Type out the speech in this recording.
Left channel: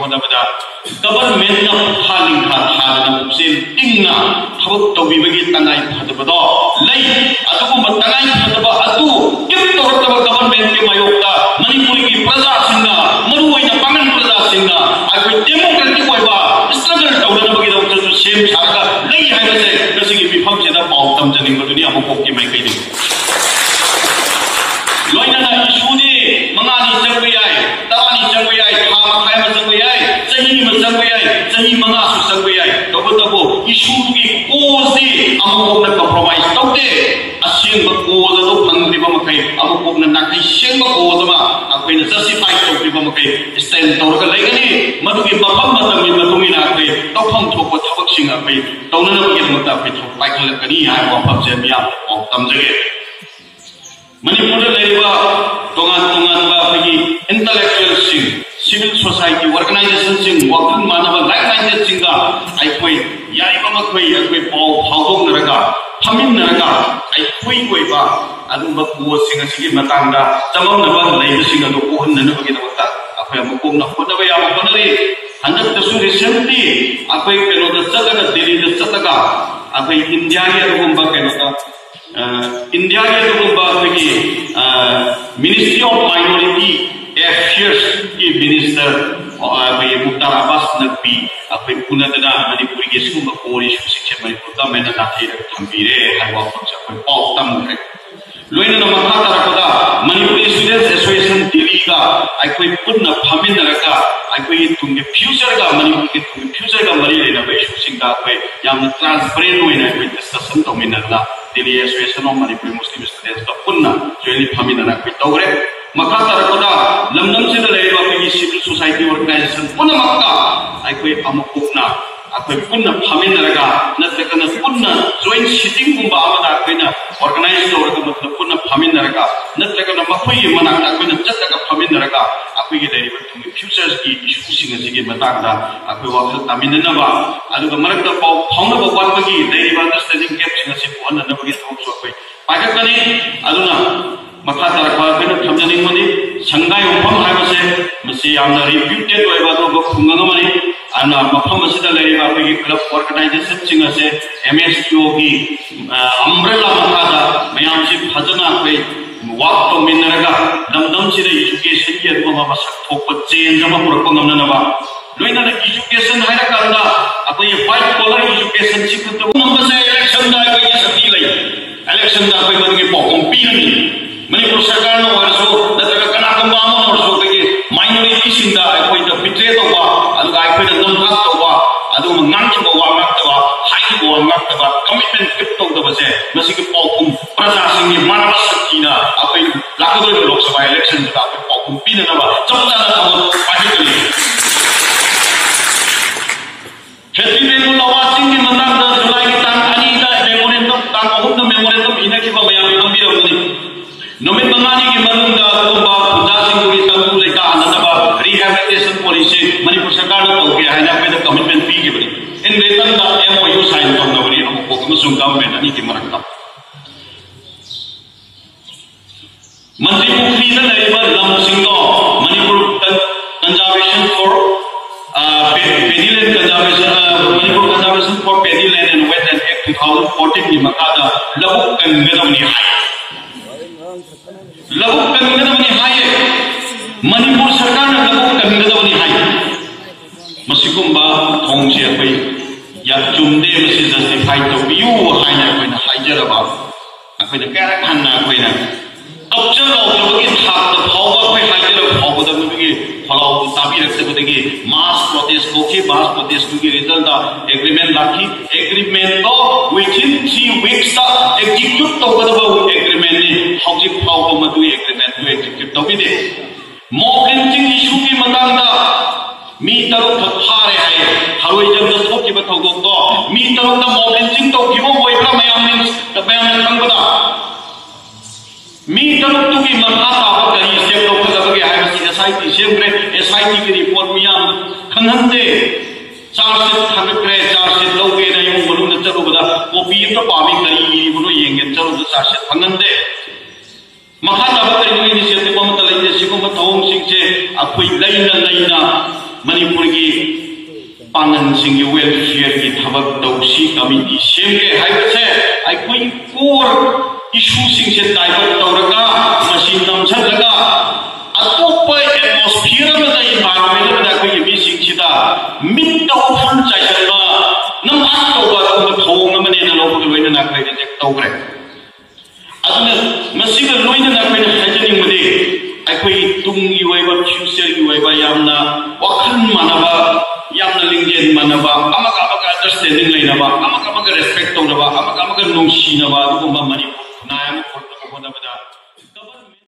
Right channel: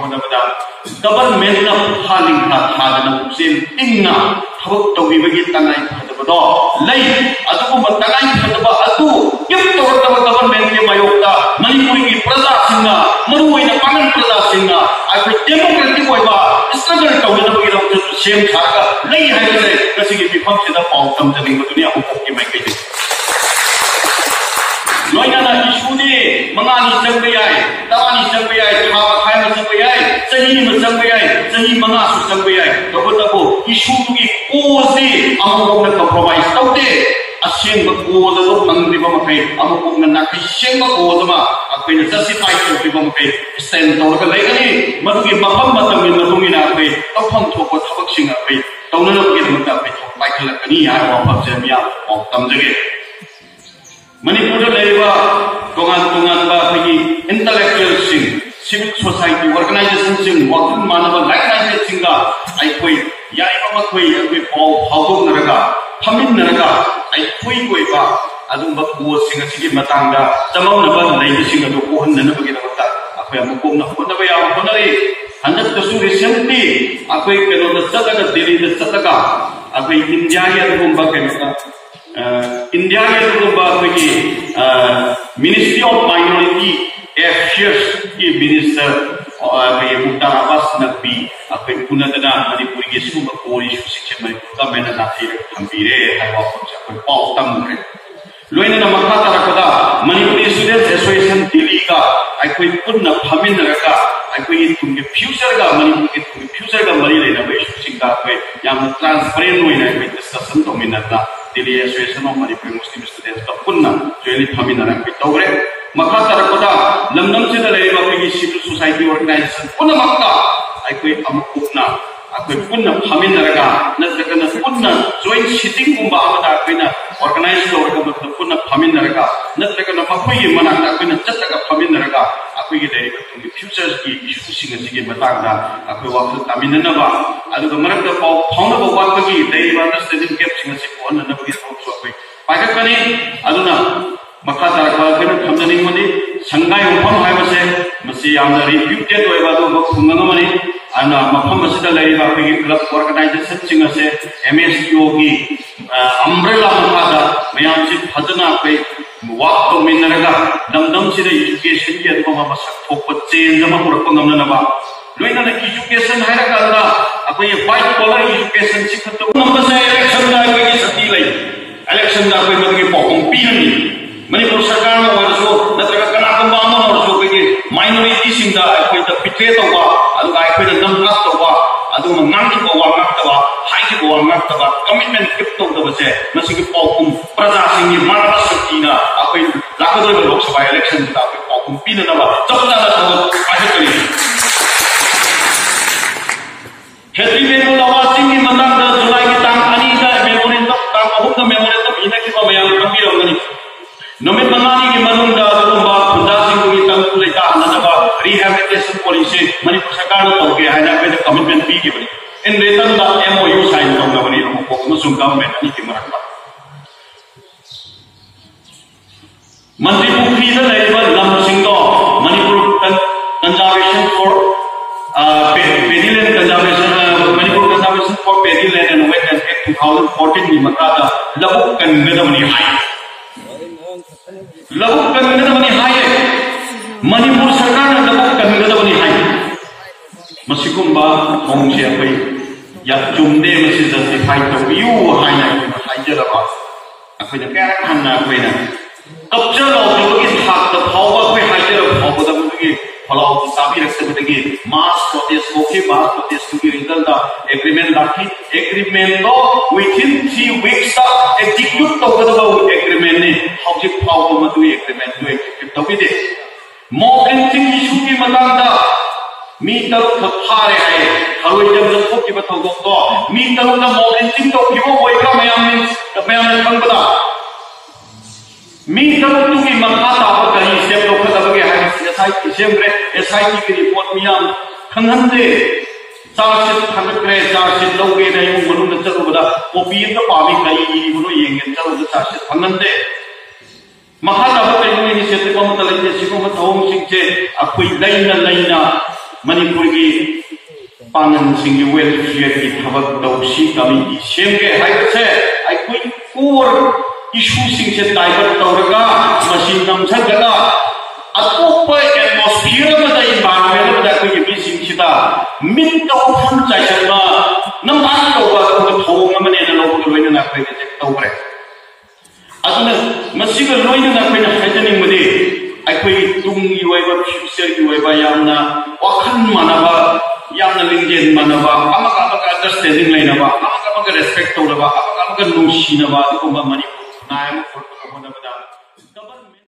होनबदा government ना फालिंखा थाजना पुक्सिल टिंगना थबक तौबिबगी तंगाई फदबदो लई अदुगुम तंगाई फदबा अदु किम तोरतब गवर्नमेंट के मायोक्ता मणिपुरी की प्रजा सिंगा मरुओइना पांगन प्रजा सिंगा आखै डेमोक्रेटिक ओइबा स्ट्रगल तौनबगी दो सेम थारगा लई हाइबसे गसिगी बिफम सेदा पाउ तमजनिंग दुनिया अमुकोकी माइकैदि लोइना इशूनी मंगानी चंग याय तवानी चंग याय था खाय म चंग याय सही म चंग याय सही मंगा सु चंग याय तबो इशूगी कोजे अमुकोना कंप्रोमाइज तौते असेंग कोज दो फंगरिबा मखै अमुकोना नाखै सेंग कोज मा अखैना जस्टिफाई तौरिबा मखै स्टैंड तौरगा लैगनि मदुगी मफम मतमि मतुंगिना अखै तौफम थोप थबक सिंग अखै तौननबगी दमता अखै थोप पाइखलकनि हाय वाफम जेमिया औ तमजगे मणिपुर तोगान तोगान इंटेलेक्चुअल सिविल सोसाइटी ऑर्गेनाइजेशन वाखल मानव लाइक माइंडेड अखोई याई पाव फाउदोनरगा फमिनरगा अखोई कोइबा अदुबा कोसिंग असिगी मतांगा चमौनबा लैबिसिंग अदु कोहननबगी दमता अखोई अमुकोना होनबा या होनरे हंदकतसु रिसेंटली अखोई केनोदा चतगा दिल्ली दा चतगा अखोई इंडिया के अदुबा केनोदा इंडिया के मिनिस्ट्री ऑफ माइनॉरिटी अफेयर्स की मिनिस्टर मुख्तार अब्बास नकवी अखोई पुनदना मणिपुर की सिगुंबा कोर इशू सिंह मणिपुर गवर्नमेंट नाथीर थंबीरे हाइबा फंक्शन अखोई पाउ तमरे लोइना मखा तरकदा मणिपुर स्टूडेंट्स एसोसिएशन दिल्ली का अखोई पुन्ना फमिनरका अखोई तुंगे फ्यूचर का मणिपुर के फ्यूचर का मरी लेना इशू सिंह का अखोई यामना ट्रांसपेरेंट होइना अखोई डिस्कशन तौमिनरना Delhi association of Manipur Muslim students का पुन्ना जोइनी फमिनरा अखोई तौरे मखा तरकदा लमदम से लेरिबा अखोई सिविल सोसाइटी ऑर्गेनाइजेशन पुन्ना मक्का अखोई अमुकुना अखोई पुन्ना फमिनरगा नत्रकना पुन्ना जॉइंट सिटिंग गुंबा आमदा अखोइना ऑर्गेनाइज तौरगा मतलब पुन्ना फमिनरगा नत्रकना मखोई मनाकता अखोइना चतगा फमिनरगा अखोई लेरिबा तुंगी फ्यूचर्स की इशू सिंग सिगी मतांगदा अखोई वाखल तामिननबा अदुगा मरकता पाउ फाउनबा वाटबगी लेरिबा अंडरस्टैंडिंग गैप सिंग सि कोहननबगी थौसु अखोई पाइककनी अदुना मखा तरकवा अखोइना थमजनिंगमदि संगाई उफम हाइबसे मसि यामना रिप्यूटेड ओइबा दो खुंगंगमनि आना मफम असिदा लेरिबा अखोई क्लब ऑर्गेनाइजेशन सिंग असे एमएसपीओ की अम्ब्रेला मखादा मयाम सि फजना अखोई वाक तौमिनरगा दमदम सिदा एजुकेशन की अदुमा मसक थोप चेंज अमा पुरकप ngamnanaba लोइना एजुकेशन हाइरकांदा अखोई व्हाइट कॉलर एजुकेशन सिखतो नंबसे इलेक्शन दा अखोई सती लई इलेक्शन दा अखोई मदगी पौकुम पीरनी मणिपुर सरकार नो वरसो नत्रगा कनाकंबा अमा वरसो कई माइनॉरिटी सिंदा अखोई द बिट्रे तौबा अदुगा अखोई नमला तौबा अदुमा ngangibo wa ngaktawa haibo wa ngaktawa commitment kip tौदबसे मसिगी पौकुम प्रजा सिंगी मानव शक्तिना अखोई लाखदो लोकसभा इलेक्शन दा अखोई पौकुम पीननबा चपचाना थबक पाइखलि फेस्टिवल लवासिंगी मतांदा जुलाई की तांग अनि दा मेमोरेंडम तांग अहुम मेमोरेंडम इनकिबा मयाम कंबीरगनि नमित मंगानी की मदुंदा अदुबा खुदा सिंगी तंगु लेता अननबा रिहैबिलिटेशन पॉलिसी मणिपुर सरकार नो तौगे हाइना पे कमिटमेंट पीगिबनि इन रिटर्न दा एमओयू साइन तौनबनि अमुक अमसुंग गवर्नमेंट अनि की मरकता मंत्री पुखरी दा लेबा लम सिंगो Manipur conservation for paddy land conservation Manipur conservation for paddy land and wetland act 2014 की मकादा लबुक कंगदमनि हाय लबुक कंगदमनि हाय मणिपुर सरकार ने लबुक कंगदमनि हाय मसिकुंबा थोंसे अखोई या चुमदे मसि जस्टिफाई तौबियु हायना अखोइना हाइजरबा अखोइना कैरेक्ट हन्ना अखोइना कब्जा लौदबगी थाक फावबा अखोइ हाइजर फावबदबगी फलाउ ताबिरक्तबदगी मास प्रोटेस्ट कोके मास प्रोटेस्ट की रिजल्ट दा एग्रीमेंट लाखी एग्रीमेंट तो विथिन 3 वीक्स दा एग्जीक्यूट तौगदबा एग्रीमेंट ने हौजिक फावबा मदु एग्रीमेंट तो एग्जीक्यूट तौबिदे मॉब लिंचिंग इशू की मतांदा मी तरुक थारे हाय हरोई जब थोकिबा थौदोक तो मी तरुक मॉब लिंचिंग तौकिबो ओइब्रा मयाम खंगबदा मी तरुक तुगी मखा ताबा कहि स्टेप लौखदबगे हाय एसआईटी सेमग्रे एसआईटी की रिपोर्ट मियाम खंगहंदे चार्जशीट थांगत्रे चार्जशीट लौगे न yung मनुंग चलुबदा कॉपी तो पामी कई बुनो येंगे चलुबदा चार्जशीट खंगहंदे मखा ताबा कई इनिशिएटिव अमता लैजे सिगुम थौम सिंगचे अखोई लैना Manipur की पांगन सिंह वेलफेयर की थबक तौसी कमिटी सेमगे हाइबसे आइकोई कोर इशू सिंह से डाइवर्ट तौरगा मशीन नमसलगा अतोप एटमॉस्फियर में दा इन्वायरमेंट दा कोई भी सिंह सिदा मिट तौफन चाइसलगा नमबाक तौगा तो थोंग मने न लोग लोइन ना कोई जेक तौग्रे अदुना मसिग लोइन ना कोई हाइजनिंग मदे आइकोई तुंग युएबा फ्यूचर युएबा यामना वखन मानबा यामना लिंगजेन मानबा अमका अंडरस्टैंडिंग लेनबा अमका रेस्पेक्ट तौरबा अमका नुंसीनबा अदुगुम्बा मणिपुर